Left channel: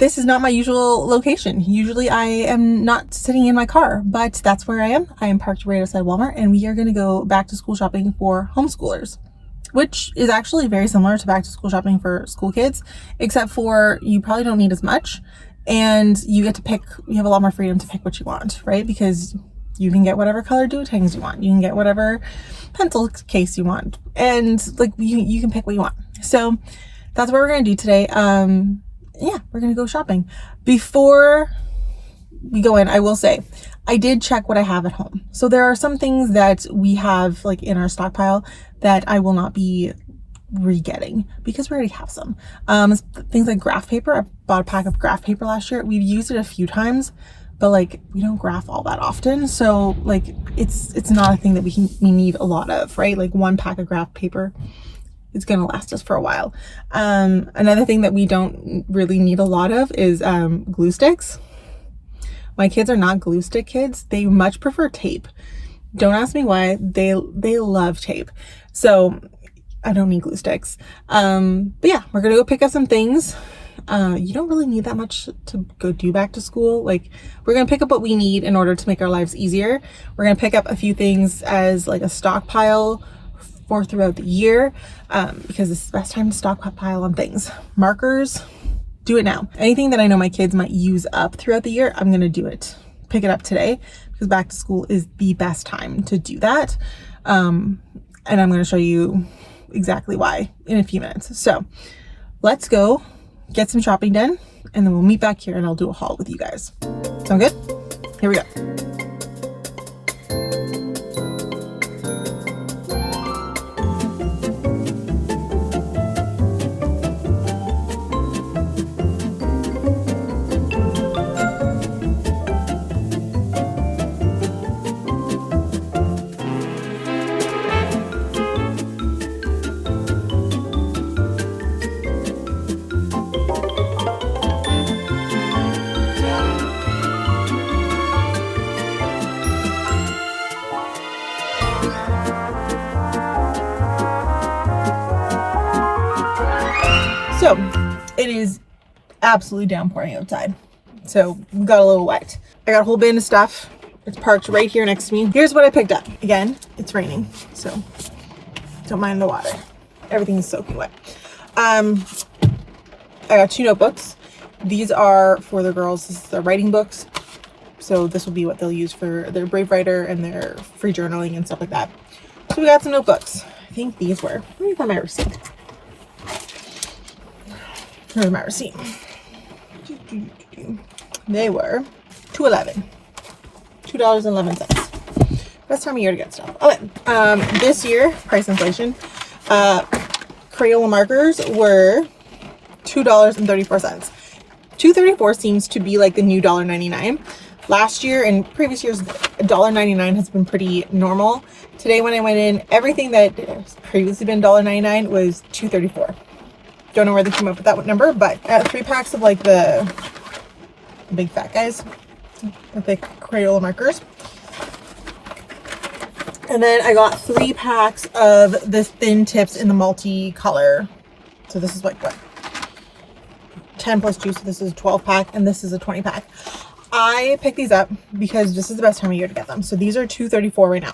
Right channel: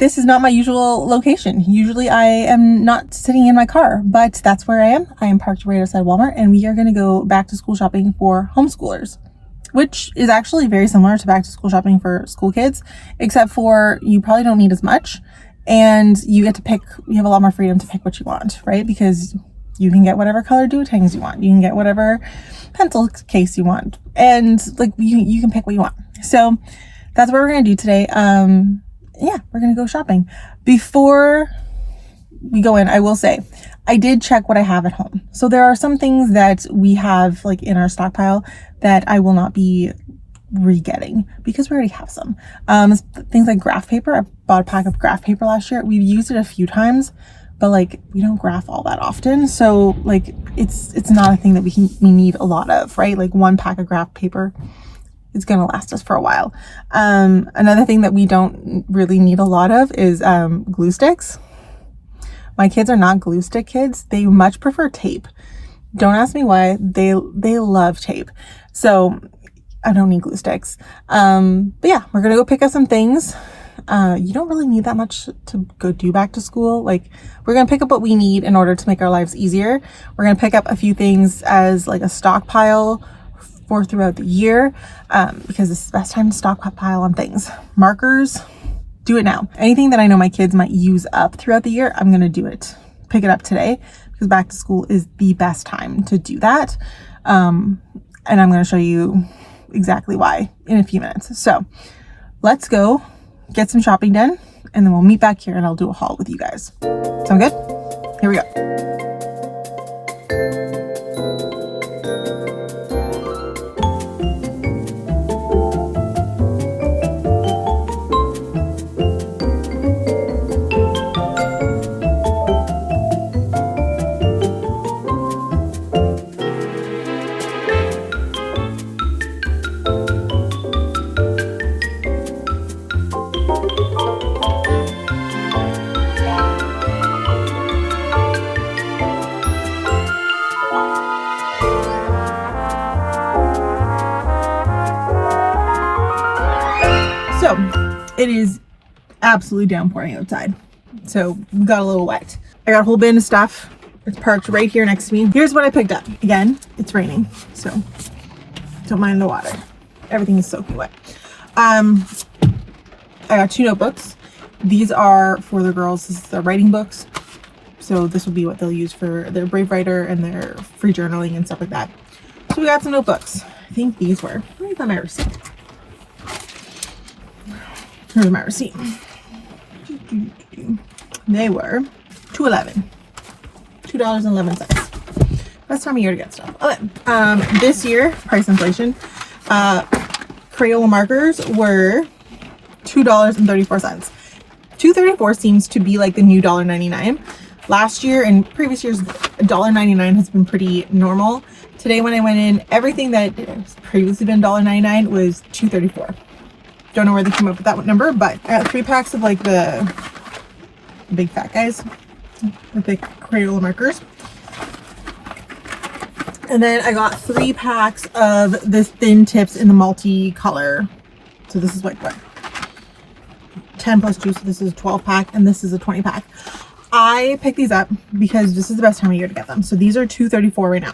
This is not my usual location. Usually I am not sitting in my car, but that's where I am. I am parked right outside Walmart, and we are going to go back to school shopping for homeschoolers, which is actually very similar to back to school shopping for school kids, except for you probably don't need as much, and you get to pick, you have a lot more freedom to pick what you want, right? Because you can get whatever color do-tangs you want. You can get whatever pencil case you want, and like you can pick what you want. So that's what we're going to do today. Yeah, we're going to go shopping. Before we go in, I will say, I did check what I have at home. So there are some things that we have like in our stockpile that I will not be re-getting because we already have some. Things like graph paper. I bought a pack of graph paper last year. We've used it a few times, but like we don't graph all that often. So like it's not a thing that we need a lot of, right? Like one pack of graph paper, it's going to last us for a while. Another thing that we don't really need a lot of is glue sticks. My kids are not glue stick kids. They much prefer tape. Don't ask me why. They love tape. So I don't need glue sticks. But yeah, we're going to go pick up some things. You don't really need that much to go do back to school. Like, we're going to pick up what we need in order to make our lives easier. We're going to pick up a few things as like a stockpile for throughout the year, because this is the best time to stockpile on things. Markers, do it now. Anything that I know my kids might use up throughout the year, I'm going to do it. Pick it up today, because back to school is the best time to do that. And I'm going to show you exactly why in a few minutes. So let's go get some shopping done, and then we'll meet back here and I'll do a haul with you guys. Sound good? Here we go. So it is absolutely downpouring outside. So we got a little wet. I got a whole bin of stuff. It's parked right here next to me. Here's what I picked up. Again, it's raining, so don't mind the water. Everything is soaking wet. I got 2 notebooks. These are for the girls. This is their writing books. So this will be what they'll use for their Brave Writer and their free journaling and stuff like that. So we got some notebooks. I think these were, let me find my receipt. Here's my receipt. They were $2.11. Best time of year to get stuff. Okay. This year, price inflation, Crayola markers were $2.34. $2.34 seems to be like the new $1.99. Last year and previous years, $1.99 has been pretty normal. Today when I went in, everything that has previously been $1.99 was $2.34. Don't know where they came up with that number, but I got 3 packs of like the big fat guys, the thick Crayola markers. And then I got 3 packs of the thin tips in the multi-color. So this is like what? 10 plus 2, so this is a 12 pack, and this is a 20 pack. I picked these up because this is the best time of year to get them. So these are $2.34 right now.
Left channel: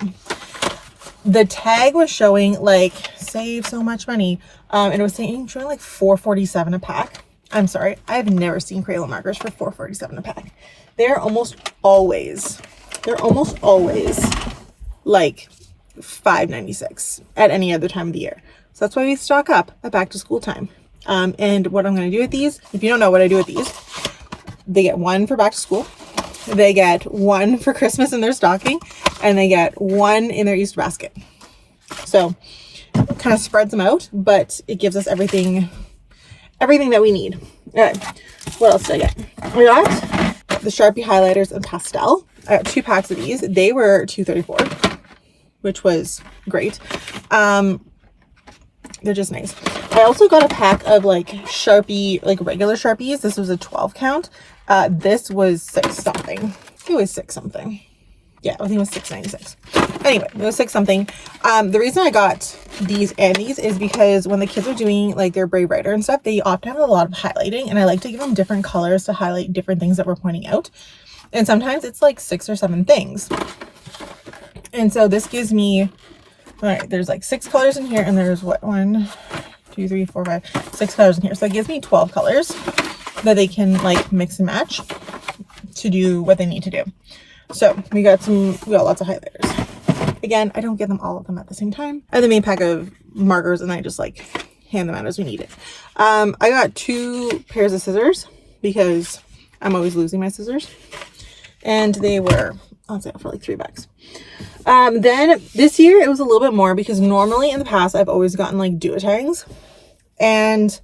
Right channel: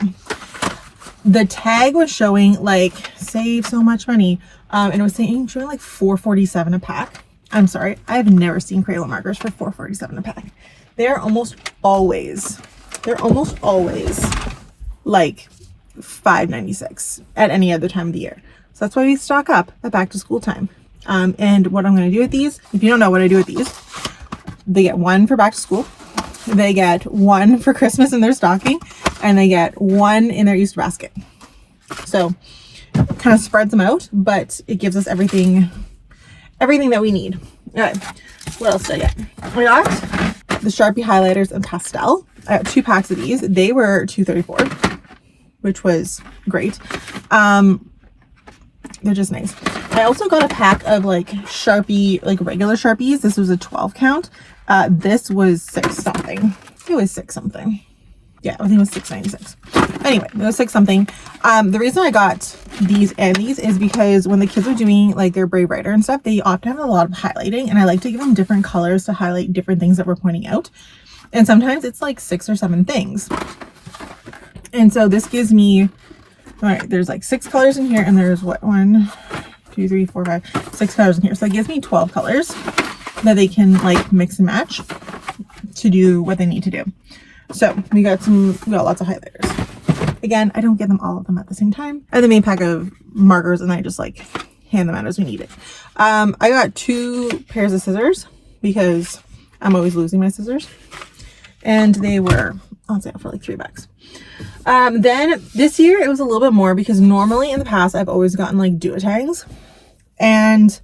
The tag was showing like save so much money, and it was showing like $4.47 a pack. I'm sorry, I have never seen Crayola markers for $4.47 a pack. They're almost always like $5.96 at any other time of the year. So that's why we stock up at back to school time. And what I'm going to do with these, if you don't know what I do with these, they get 1 for back to school, they get 1 for Christmas in their stocking, and they get 1 in their Easter basket. So it kind of spreads them out, but it gives us everything that we need. Okay, what else did I get? I got the Sharpie highlighters and pastel. I got 2 packs of these. They were $2.34, which was great. They're just nice. I also got a pack of like Sharpie, like regular Sharpies. This was a 12 count. This was 6 something. It was 6 something. Yeah, I think it was $6.96. Anyway, it was 6 something. The reason I got these and these is because when the kids are doing like their Brave Writer and stuff, they often have a lot of highlighting, and I like to give them different colors to highlight different things that we're pointing out. And sometimes it's like 6 or 7 things. And so this gives me, there's like 6 colors in here, and there's what, 1, 2, 3, 4, 5, 6 colors in here. So it gives me 12 colors that they can like mix and match to do what they need to do. So we got lots of highlighters. Again, I don't give them all of them at the same time. I have the main pack of markers, and I just like hand them out as we need it. I got 2 pairs of scissors because I'm always losing my scissors. And they were on sale for like $3. Then this year it was a little bit more because normally in the past I've always gotten like duotangs, and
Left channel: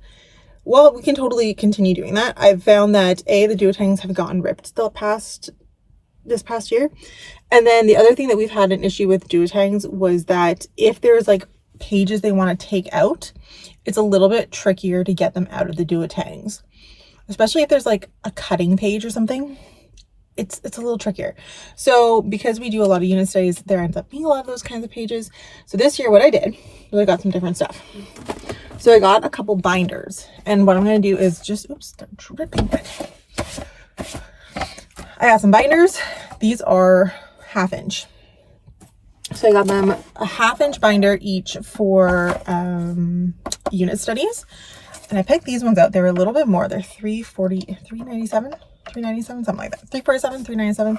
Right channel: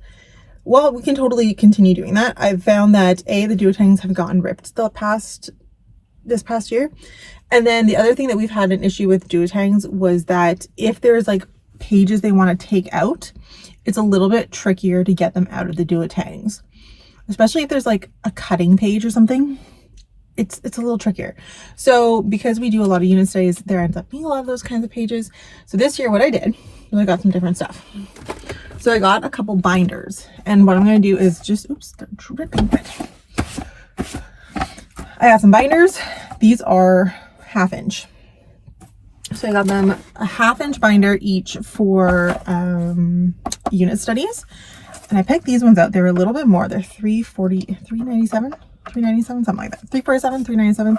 well, we can totally continue doing that. I've found that the duotangs have gotten ripped this past year. And then the other thing that we've had an issue with duotangs was that if there's like pages they want to take out, it's a little bit trickier to get them out of the duotangs, especially if there's like a cutting page or something. It's a little trickier. So because we do a lot of unit studies, there ends up being a lot of those kinds of pages. So this year what I did was I got some different stuff. So I got a couple binders, and what I'm going to do is just, oops, they're dripping wet. I got some binders. These are 1/2 inch. So I got them a 1/2 inch binder each for unit studies. And I picked these ones out. They were a little bit more. They're $397, something like that. $347, $397.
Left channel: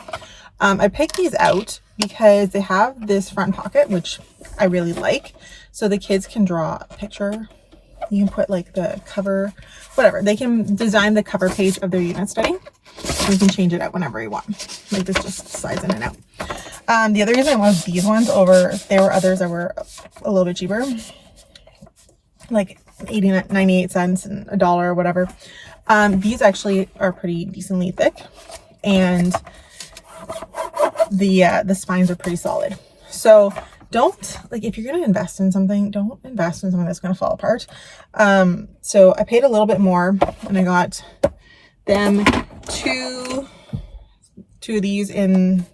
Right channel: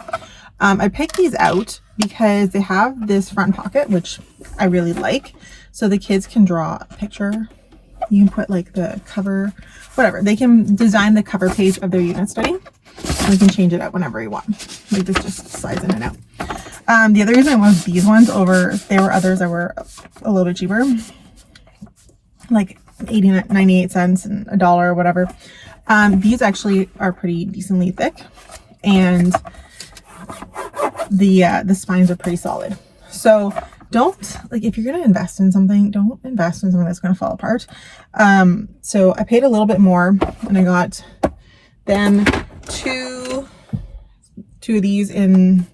I picked these out because they have this front pocket, which I really like. So the kids can draw a picture. You can put like the cover, whatever. They can design the cover page of their unit study. And you can change it out whenever you want. Like this just slides in and out. The other reason I wanted these ones over, there were others that were a little bit cheaper. Like 98 cents and $1 or whatever. These actually are pretty decently thick, and the spines are pretty solid. So don't, like, if you're going to invest in something, don't invest in something that's going to fall apart. So I paid a little bit more, and I got them two of these in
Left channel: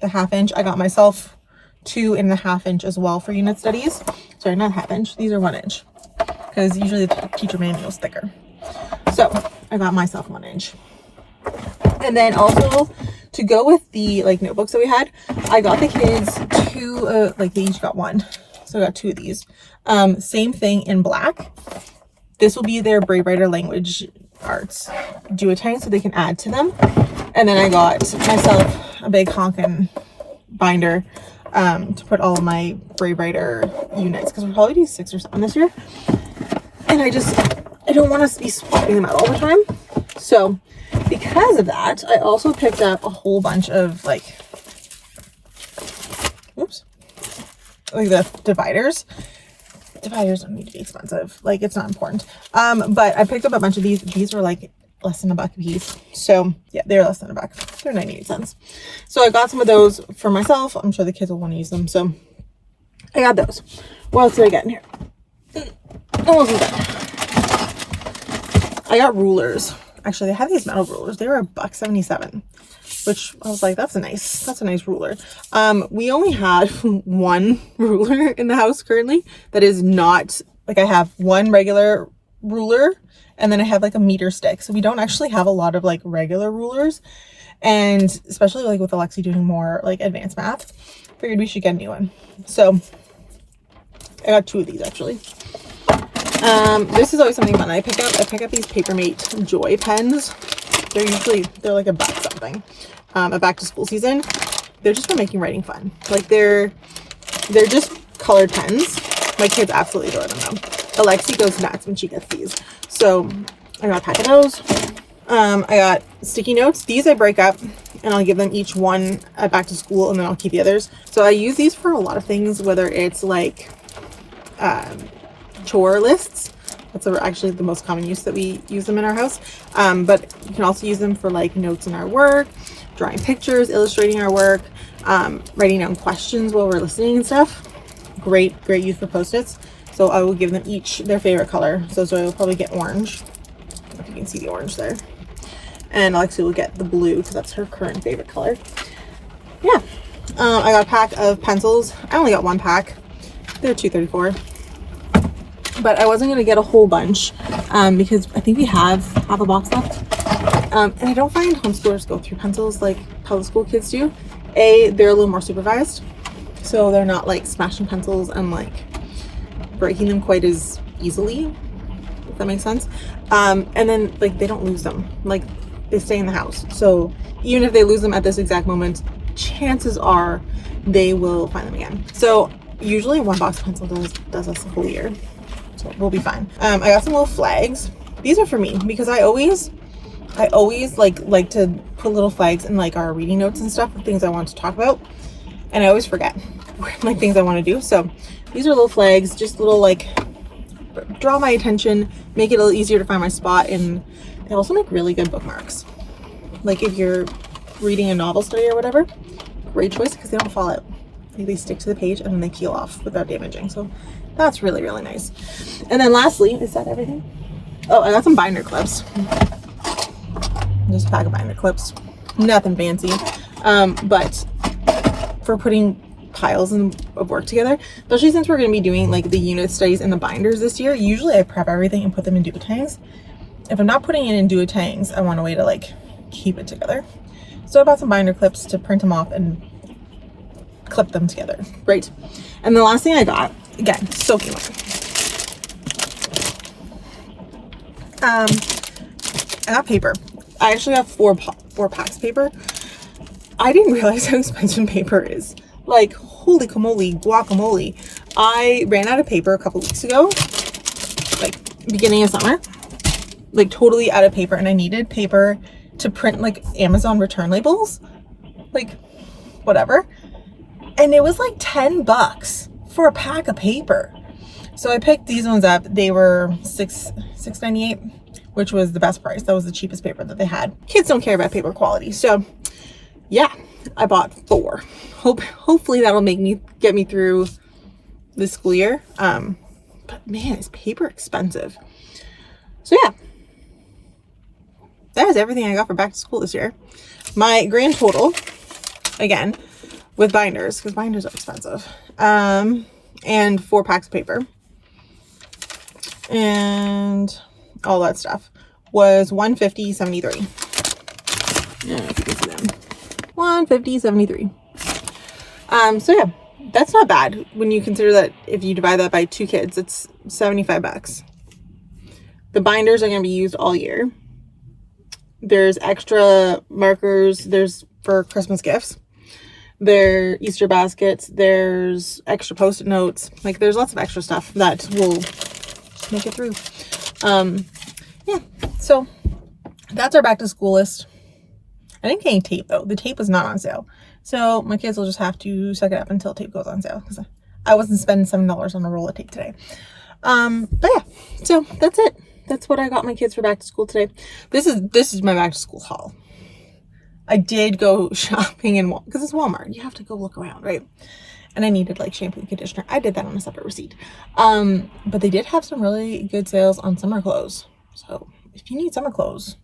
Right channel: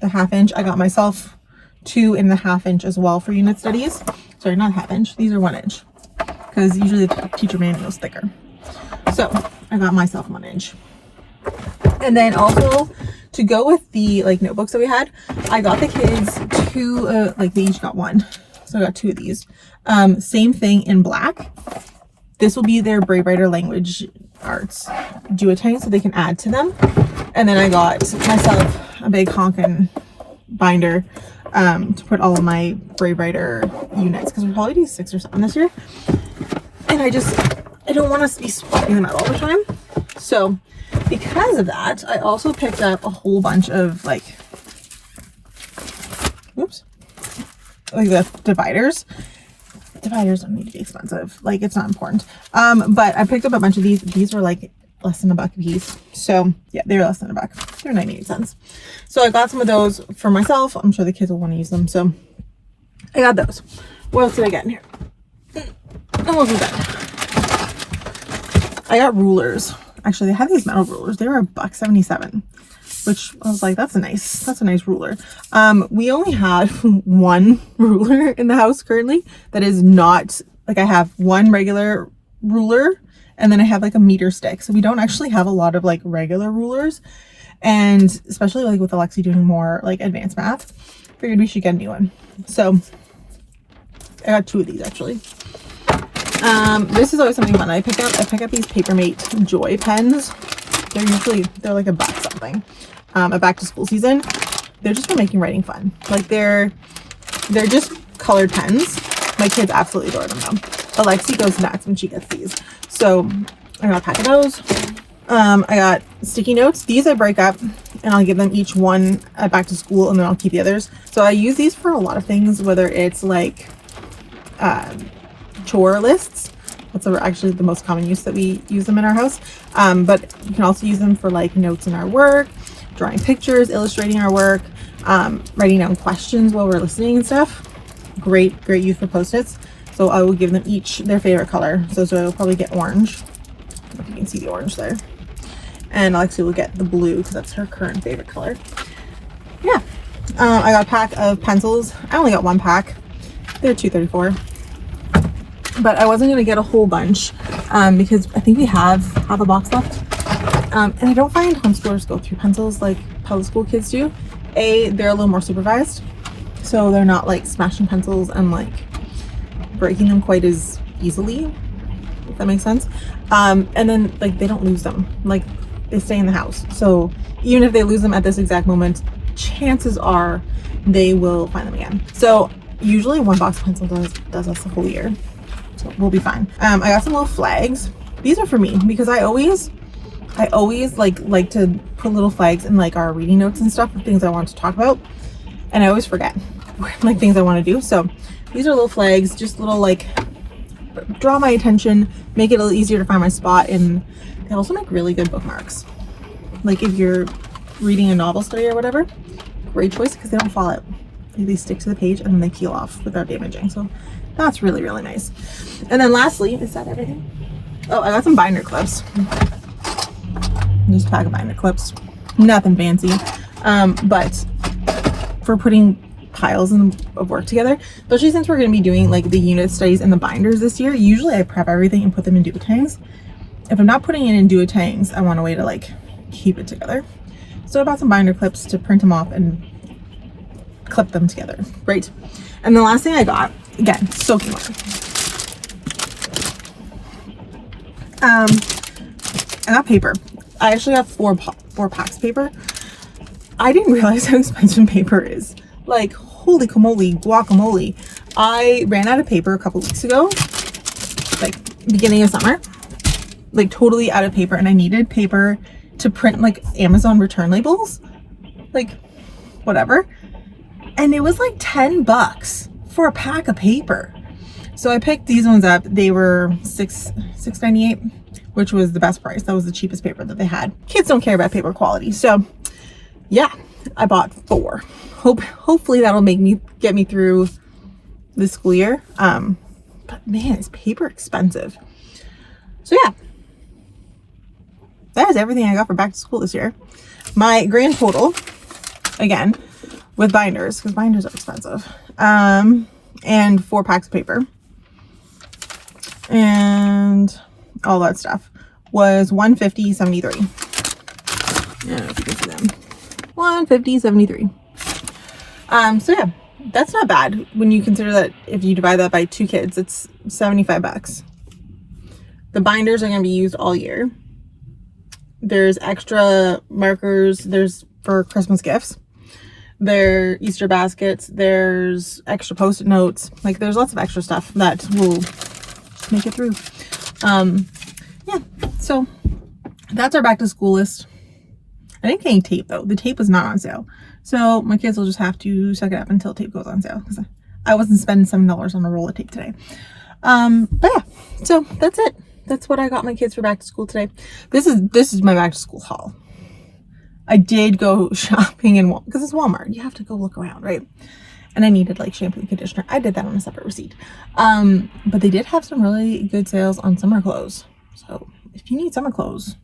the 1/2 inch. I got myself 2 in the 1/2 inch as well for unit studies. Sorry, not 1/2 inch. These are 1 inch, because usually the teacher manual is thicker. So I got myself 1 inch. And then also to go with the like notebooks that we had, I got the kids 2, like they each got 1. So I got 2 of these. Same thing in black. This will be their Brave Writer language arts duotang, so they can add to them. And then I got myself a big honkin' binder to put all of my Brave Writer units, because we'll probably do 6 or 7 this year. And I don't want us to be swapping them out all the time. So because of that, I also picked up a whole bunch of like, oops, like the dividers. Dividers don't need to be expensive. Like, it's not important. But I picked up a bunch of these. These were like less than $1 a piece. So yeah, they're less than $1. They're 98 cents. So I got some of those for myself. I'm sure the kids will want to use them. So I got those. What else did I get in here? Almost done. I got rulers. Actually, they had these metal rulers. They were $1.77, which I was like, that's a nice ruler. We only had 1 ruler in the house currently that is not, like, I have 1 regular ruler, and then I have like a meter stick. So we don't actually have a lot of like regular rulers, and especially like with Alexi doing more like advanced math, figured we should get a new one. So I got 2 of these actually. This is always something fun I pick up. I pick up these Papermate Joy pens. They're like $1 something. At back to school season, they're just for making writing fun. Like they're just colored pens. My kids absolutely adore them though. Alexi goes nuts when she gets these. So I got a pack of those. I got sticky notes. These I break up and I'll give them each one at back to school, and then I'll keep the others. So I use these for a lot of things, whether it's like chore lists. That's actually the most common use that we use them in our house. But you can also use them for like notes in our work, drawing pictures, illustrating our work, writing down questions while we're listening and stuff. Great use for Post-its. So I will give them each their favorite color. So Zoe will probably get orange. I don't know if you can see the orange there. And Alexi will get the blue because that's her current favorite color. Yeah. I got a pack of pencils. I only got 1 pack. They're $2.34. but I wasn't gonna get a whole bunch because I think we have a box left. And I don't find homeschoolers go through pencils like public school kids do. They're a little more supervised, so they're not like smashing pencils and like breaking them quite as easily, if that makes sense. And then like they don't lose them, like they stay in the house. So even if they lose them at this exact moment, chances are they will find them again. So usually one box of pencil does us the whole year, so we'll be fine. I got some little flags. These are for me because I always like to put little flags in like our reading notes and stuff of things I want to talk about, and I always forget like things I want to do. So these are little flags, just little like draw my attention, make it a little easier to find my spot, and they also make really good bookmarks. Like if you're reading a novel study or whatever, great choice because they don't fall out. They stick to the page and then they peel off without damaging. So that's really, really nice. And then lastly, is that everything? Oh, I got some binder clips. Just a pack of binder clips. Nothing fancy. But for putting piles of work together, especially since we're going to be doing like the unit studies and the binders this year, usually I prep everything and put them in duotangs. If I'm not putting it in duotangs, I want a way to like keep it together. So I bought some binder clips to print them off and clip them together, right? And the last thing I got, again, soaking wet. I got paper. I actually got four packs of paper. I didn't realize how expensive paper is. Like, holy guacamole. I ran out of paper a couple weeks ago, like beginning of summer, like totally out of paper, and I needed paper to print like Amazon return labels, like whatever. And it was like $10 for a pack of paper. So I picked these ones up. They were $6.98, which was the best price. That was the cheapest paper that they had. Kids don't care about paper quality. So yeah, I bought 4. Hopefully that'll get me through this school year. But man, is paper expensive. So yeah, that is everything I got for back to school this year. My grand total, again, with binders, because binders are expensive, and 4 packs of paper and all that stuff, was $150.73. I don't know if you can see them. $150.73. So yeah, that's not bad when you consider that if you divide that by 2 kids, it's $75. The binders are going to be used all year. There's extra markers. There's for Christmas gifts. There are Easter baskets. There's extra post-it notes. Like there's lots of extra stuff that will make it through. Yeah, so that's our back to school list. I didn't get any tape though. The tape was not on sale. So my kids will just have to suck it up until tape goes on sale, because I wasn't spending $7 on a roll of tape today. But yeah, so that's it. That's what I got my kids for back to school today. This is my back to school haul. I did go shopping in because it's Walmart. You have to go look around, right? And I needed like shampoo and conditioner. I did that on a separate receipt. But they did have some really good sales on summer clothes. So if you need summer clothes,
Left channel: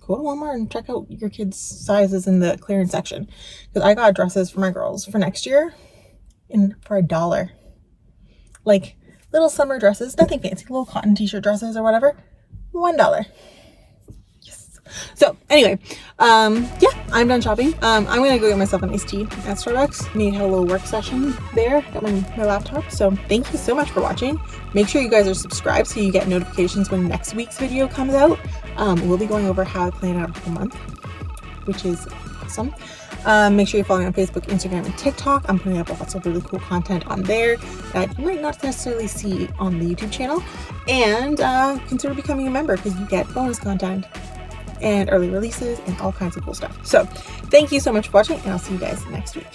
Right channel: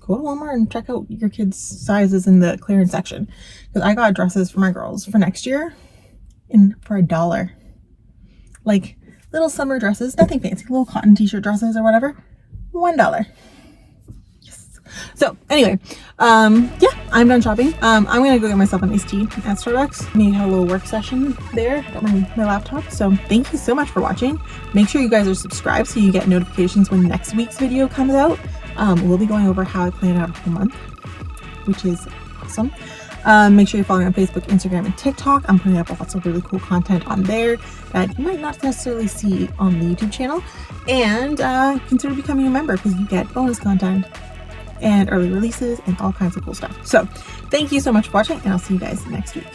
go to Walmart and check out your kids' sizes in the clearance section. Because I got dresses for my girls for next year for $1. Like little summer dresses, nothing fancy, little cotton t-shirt dresses or whatever, $1. Yes. So anyway, yeah, I'm done shopping. I'm gonna go get myself an iced tea at Starbucks. We had a little work session there at my laptop. So thank you so much for watching. Make sure you guys are subscribed so you get notifications when next week's video comes out. We'll be going over how I plan out a whole month, which is awesome. Make sure you're following on Facebook, Instagram, and TikTok. I'm putting up lots of really cool content on there that you might not necessarily see on the YouTube channel. And consider becoming a member because you get bonus content and early releases and all kinds of cool stuff. So thank you so much for watching, and I'll see you guys next week.